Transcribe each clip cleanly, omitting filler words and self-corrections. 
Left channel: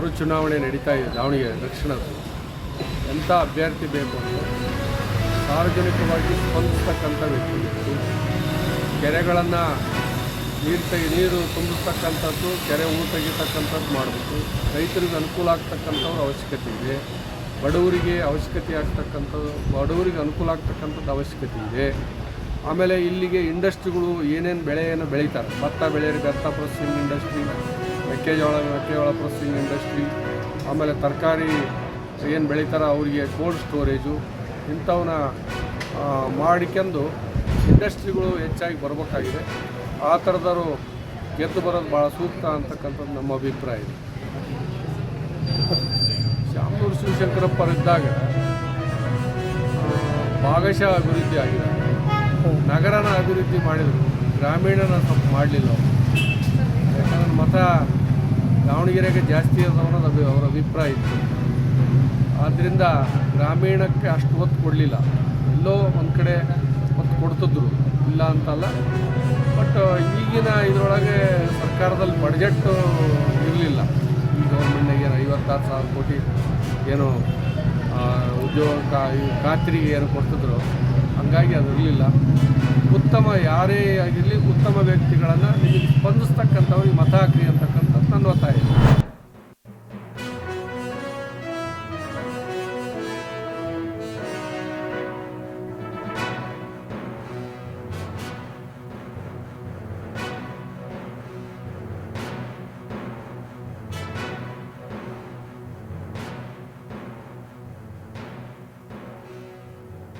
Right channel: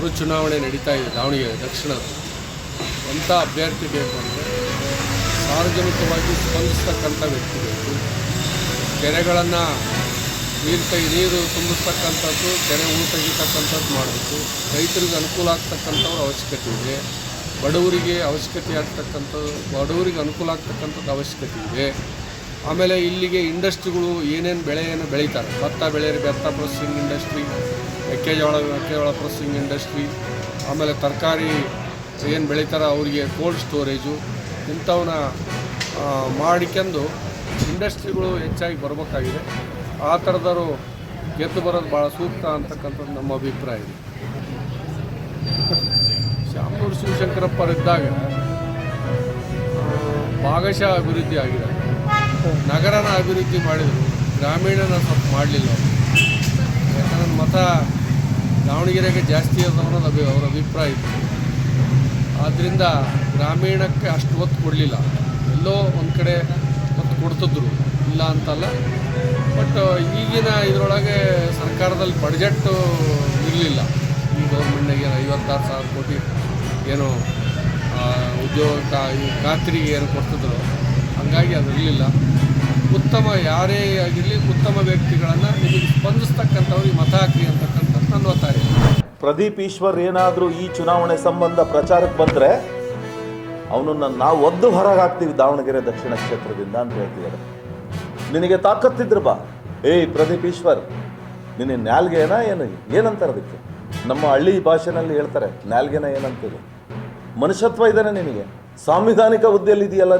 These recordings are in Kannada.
ಮರುಚುನಾವಣೆ ನಡೀತಾ ಇದೆ ದಾವಣಗೆರೆ ದಕ್ಷಿಣದ. ಎಂಥ ಅಭ್ಯರ್ಥಿ ಬೇಕು ಅಂದರೆ ಸಾರ್ವಜನಿಕವಾಗಿ ಸ್ಪಂದಿಸ್ತಕ್ಕಂಥ ವ್ಯಕ್ತಿ ಬೇಕು. ಕೆರೆಗಳನ್ನು ನೀರು ತುಂಬಿಸ್ತಕ್ಕಂಥದ್ದು, ಕೆರೆ ಹೂಳು ತೆಗಿತಕ್ಕಂಥದ್ದು ಮಾಡಬೇಕು. ರೈತರಿಗೆ ಅನುಕೂಲ ಆಗ್ತಕ್ಕಂಥವ್ರ ಅವಶ್ಯಕತೆ ಇದೆ. ಬಡವರಿಗೆ ಅನುಕೂಲ ಆಗ್ತಕ್ಕಂಥದ್ದು ಅವಶ್ಯಕತೆ ಇದೆ. ಆಮೇಲೆ ಇಲ್ಲಿಗೆ ಇಂಡಸ್ಟ್ರಿಗಳು ಏನೇನು ಬೆಳೆಯನ್ನು ಬೆಳೀತಾರೆ, ಭತ್ತ ಬೆಳೆಯರಿ ಭತ್ತ ಪ್ರೊಸೆಸಿಂಗ್ ಇಂಡಸ್ಟ್ರಿ, ಮೆಕ್ಕೆಜೋಳ ಪ್ರೊಸೆಸಿಂಗ್ ಇಂಡಸ್ಟ್ರಿ, ಆಮೇಲೆ ತರಕಾರಿ ಏನು ಬೆಳೀತಾರೆ ಅವರಿಗೆ ಕೋಲ್ಡ್ ಸ್ಟೋರೇಜು, ಇಂಥವನ್ನ ಮಾಡಿಕೊಂಡು ಇಂಡಸ್ಟ್ರಿಗಳು ಹೆಚ್ಚಾಗಿ ಬರಬೇಕಾಗಿದೆ. ಆ ಥರದವರು ಗೆದ್ದು ಬರೋದು ಭಾಳ ಸೂಕ್ತ ಅಂತಕ್ಕಂಥದ್ದು ನಮ್ಮ ಅಭಿಪ್ರಾಯ ಇದೆ. ಶಾಮನೂರು ಶಿವಶಂಕರಪ್ಪರಿದ್ದಾಗ ಭಾಗಶಃ ಅಭಿವೃದ್ಧಿ ಆಗಿದ್ದಾರೆ. ನಗರನ ಅಭಿವೃದ್ಧಿ ಮಾಡಿದರು, ಗ್ರಾಮೀಣನ ಸ್ವಲ್ಪ ಮಾಡಲಿಲ್ಲ ಅವರು. ಯಾಕಂದ್ರೆ ಮತ ದಾವಣಗೆರೆಗೆ ಜಾಸ್ತಿ ಅದ ಅನ್ನೋದು ಅವರ ಅಭಿಪ್ರಾಯ ಇತ್ತು. ಆದ್ದರಿಂದ ಗ್ರಾಮೀಣಕ್ಕೆ ಅಷ್ಟು ಒತ್ತು ಕೊಡಲಿಲ್ಲ. ಎಲ್ಲೋ ಒಂದು ಕಡೆ ಒತ್ತು ಕೊಡ್ತಿದ್ರು, ಇಲ್ಲ ಅಂತಲ್ಲ. ಬಟ್ ಈಗಿನ ಇದರೊಳಗೆ ಸರ್ಕಾರದಲ್ಲಿ ಬಡ್ಜೆಟ್ಟು ಇರಲಿಲ್ಲ. ಈ ಗೌರ್ಮೆಂಟ್ನಾಗ ಏನು 56,000 ಕೋಟಿ ಏನು ಉದ್ಯೋಗ ಖಾತ್ರಿಗೆ ಏನು ಕೊಡ್ತಿದ್ರು, ಹಂಗಾಗಿ ಅದು ಇರಲಿಲ್ಲ. ಉತ್ತಮ ಯಾರೇ ಆಗಿರಲಿ, ಉತ್ತಮ ವ್ಯಕ್ತಿಗಳನ್ನು ನಿಮಗೆ ಸ್ಪಂದಿಸ್ತಕ್ಕಂಥವ್ರಿಗೆ ಮತ ಹಾಕಿ ಅಂತಕ್ಕಂಥದ್ದು ನನ್ನ ಒತ್ತಾಯ. ಪ್ರದೀಪ್ ಈಶ್ವರ್ ಏನಾದರೂ ಈ ಚುನಾವಣೆ ಸಂಬಂಧ ಪ್ರಚಾರಕ್ಕೆ ಬಂದರೆ ಅವನನ್ನು ನಾವು ಒದ್ದು ಹೊರಗೆ ಹಾಕ್ತೀವಿ ದಾವಣಗೆರೆ ದಕ್ಷಿಣ ಕ್ಷೇತ್ರದಿಂದ ಅಂತ ಹೇಳ್ತಿದ್ದಾರೆ. ನಿನಗೆ ತಾಕತ್ತಿದ್ರು ಬಾ. ಪ್ರದೀಪ್ ಈಶ್ವರ್, ನಿನ್ನ ನ್ಯಾಲ್ಗೆನ ಏನಂತಾರೆ ಅದಕ್ಕೆ? ನಮ್ಮ ಹಳ್ಳಿ ಭಾಷೆನಲ್ಲಿ ಹೇಳ್ತಾರೆ ನ್ಯಾಲ್ಗೆನ ಏನಂತೇಳಿ. ಮನುಷ್ಯತ್ವ ಇದ್ದಾನೆ ನಿನಗೆ, ಸಾಂವಿಧಾನಿಕ ಹುದ್ದೆಯಲ್ಲಿದೆಯಲ್ಲ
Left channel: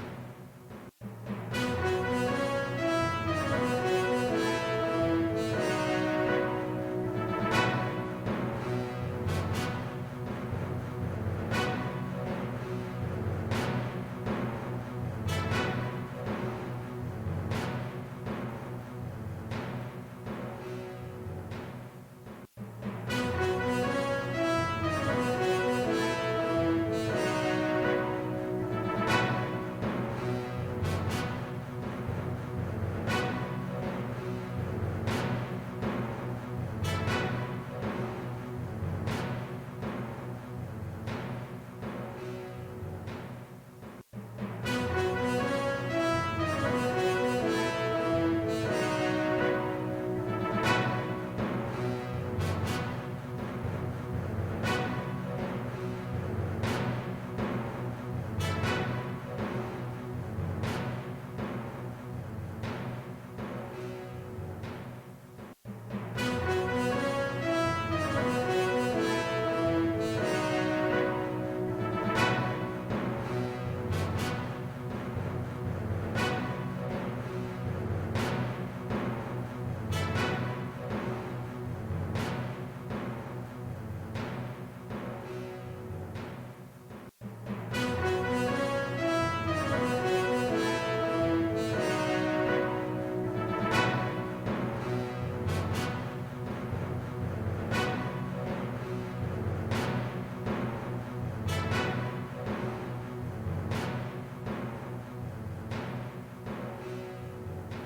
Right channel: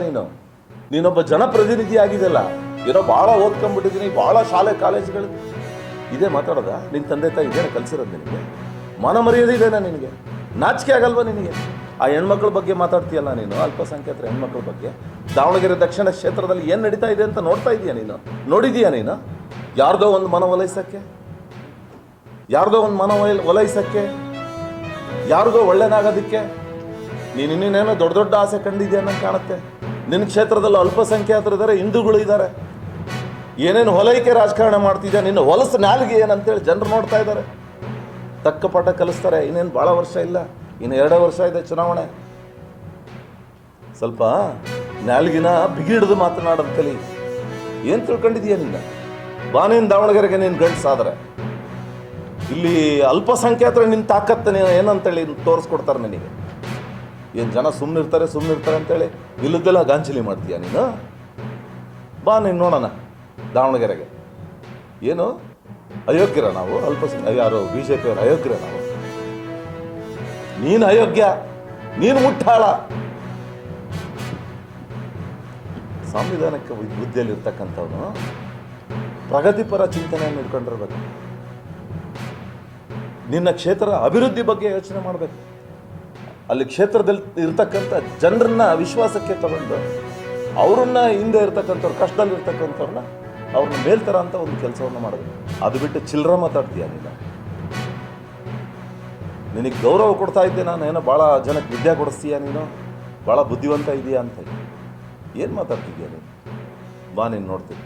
ನೀನೊಬ್ಬ ಜನಪ್ರತಿನಿಧಿ ಆಗಿದೆಯಲ್ಲ. ಏನೋ ಭಾಳ ಓದ್ಕೊಂಡ್ಬಿಟ್ಟಿದ್ದೀನಿ, ಭಾಳ ಶಾಲೆ ಕಾಲೇಜುಗಳಿಗೆ ಇದೇ ಮಾತಾಡೋದ? ನಿನ್ನ ತಂದೆ ತಾಯಿ ಇದೇನೆ ಕಲಿಸಿರೋದು ನಿನಗೆ? ಮಾನ ಮರ್ಯಾದೆ ಇದೆನಾ ನಿನಗೆ? ನಾಚಿಕೆ ಆಗಲ್ವ ನಿನಗೆ? ಆ ಹೆಣ್ಮಕ್ಳ ಬಗ್ಗೆ ಮಾತಾಡ್ತೀಯಲ್ಲ ನೀನು, ಅಲ್ಪಸಂಖ್ಯಾತರ ಹೆಣ್ಮಕ್ಳ ಬಗ್ಗೆ. ದಾವಣಗೆರೆ ದಕ್ಷಿಣ ಕ್ಷೇತ್ರದಲ್ಲಿ ಏನು ನಡೀತಾ ಇದೆ ಅಂತ ನೋಡ್ತಾ ಇದೀಯ ನೀನು? ನೋಡಿದೀಯಾ ನೀನು? ಯಾರ್ದೋ ಒಂದು ಮನ ಒಲೈಸಕ್ಕೆ, ಯಾರಿಗೋ ಒಳ್ಳೆನಾಗೋದಕ್ಕೆ ನೀನು ಇನ್ನೇನೋ ದೊಡ್ಡ ದೊಡ್ಡ ಆಸೆ ಕಂಡಿದ್ಯಾ ಅನ್ನೋ ಕಾಣುತ್ತೆ. ನಿನ್ನ ಕ್ಷೇತ್ರದಲ್ಲಿ ಅಲ್ಪಸಂಖ್ಯಾತರು ಇದ್ದಾರೆ, ಹಿಂದೂಗಳು ಇದ್ದಾರೆ. ಏನೇನು ಹೊಲೈಕೆ ರಾಜಕಾರಣ ಮಾಡ್ತಿದ್ಯಾ ನಿನ್ನ ಹೊಲಸು ನಾಲಿಗೆ ಏನಂತೇಳಿ ಜನರು ನೋಡ್ತಾ ಇದ್ದಾರೆ. ತಕ್ಕ ಪಾಠ ಕಲಿಸ್ತಾರೆ. ಇನ್ನೇನು ಭಾಳ ವರ್ಷ ಇಲ್ಲ, ಇನ್ನು 2 ವರ್ಷ ಇದೆ ಚುನಾವಣೆ. ಸ್ವಲ್ಪ ನಾಲ್ಗಿನ ಬಿಗಿಡಿದು ಮಾತನಾಡೋದು ಕಲಿ. ಏನು ತಿಳ್ಕೊಂಡಿದೀಯ ನೀನು? ಬಾನೇನು ದಾವಣಗೆರೆಗೆ ನೀನು ಗಂಡಸಾದ್ರೆ ಇಲ್ಲಿ ಅಲ್ಪಸಂಖ್ಯಾತರು ನಿನ್ನ ತಾಕತ್ತು ಏನಂತೇಳಿ ತೋರಿಸ್ಕೊಡ್ತಾರೆ ನಿನಗೆ. ಏನು ಜನ ಸುಮ್ಮನಿರ್ತಾರೆ ಅಂತೇಳಿ ಇಲ್ಲದೆಲ್ಲ ಗಾಂಚಲಿ ಮಾಡ್ತೀಯ ನೀನು? ಬಾ ನೀನು ನೋಡೋಣ ದಾವಣಗೆರೆಗೆ. ಏನು ಅಯೋಗ್ಯರ ನಾವು? ಯಾರು BJP ಅವರು ಅಯೋಗ್ಯರ ನಾವು? ನೀನು ಅಯೋಗ್ಯ, ನೀನು ಮುಟ್ಟಾಳ. ಸಂವಿಧಾನಕ್ಕೆ ವಿದ್ಯೆಯಲ್ಲಿರ್ತಕ್ಕಂಥವನು ಪ್ರಗತಿಪರ ಚಿಂತನೆಯನ್ನು ಇಟ್ಕೊಂಡಿರ್ಬೇಕು. ನಿನ್ನ ಕ್ಷೇತ್ರ ಅಭಿವೃದ್ಧಿ ಬಗ್ಗೆ ಯೋಚನೆ ಮಾಡಬೇಕು. ಅಲ್ಲಿ ಕ್ಷೇತ್ರದಲ್ಲಿ ಇರ್ತಕ್ಕಂಥ ಜನರನ್ನ ವಿಶ್ವಾಸಕ್ಕೆ ತಗೊಂಡು ಅವ್ರನ್ನ ಹಿಂದೆ ಇರ್ತಕ್ಕಂಥವ್ರು, ಕಷ್ಟದಲ್ಲಿ ಇರ್ತಕ್ಕಂಥವ್ರನ್ನ ಅವ್ರನ್ನ ಮೇಲ್ತರ ಅಂತ ಒಂದು ಕೆಲಸವನ್ನು ಮಾಡಬೇಕು. ಅದು ಬಿಟ್ಟು ಚಿಲ್ಲರ ಮಾತಾಡ್ತೀಯ ನೀನು. ನಿನಗೆ ಗೌರವ ಕೊಡ್ತಾ ಇದ್ದೆ ನಾನು, ಏನೋ ಭಾಳ ಜನಕ್ಕೆ ವಿದ್ಯೆ ಕೊಡಿಸ್ತೀಯ ನೀನು, ಭಾಳ ಬುದ್ಧಿವಂತ ಇದೆಯಾ ಅಂತ. ಏನು ಮಾತಾಡ್ತಿದ್ಯಾ ನೀನು? ಬಾ ನೀನು ನೋಡ್ತೀನಿ.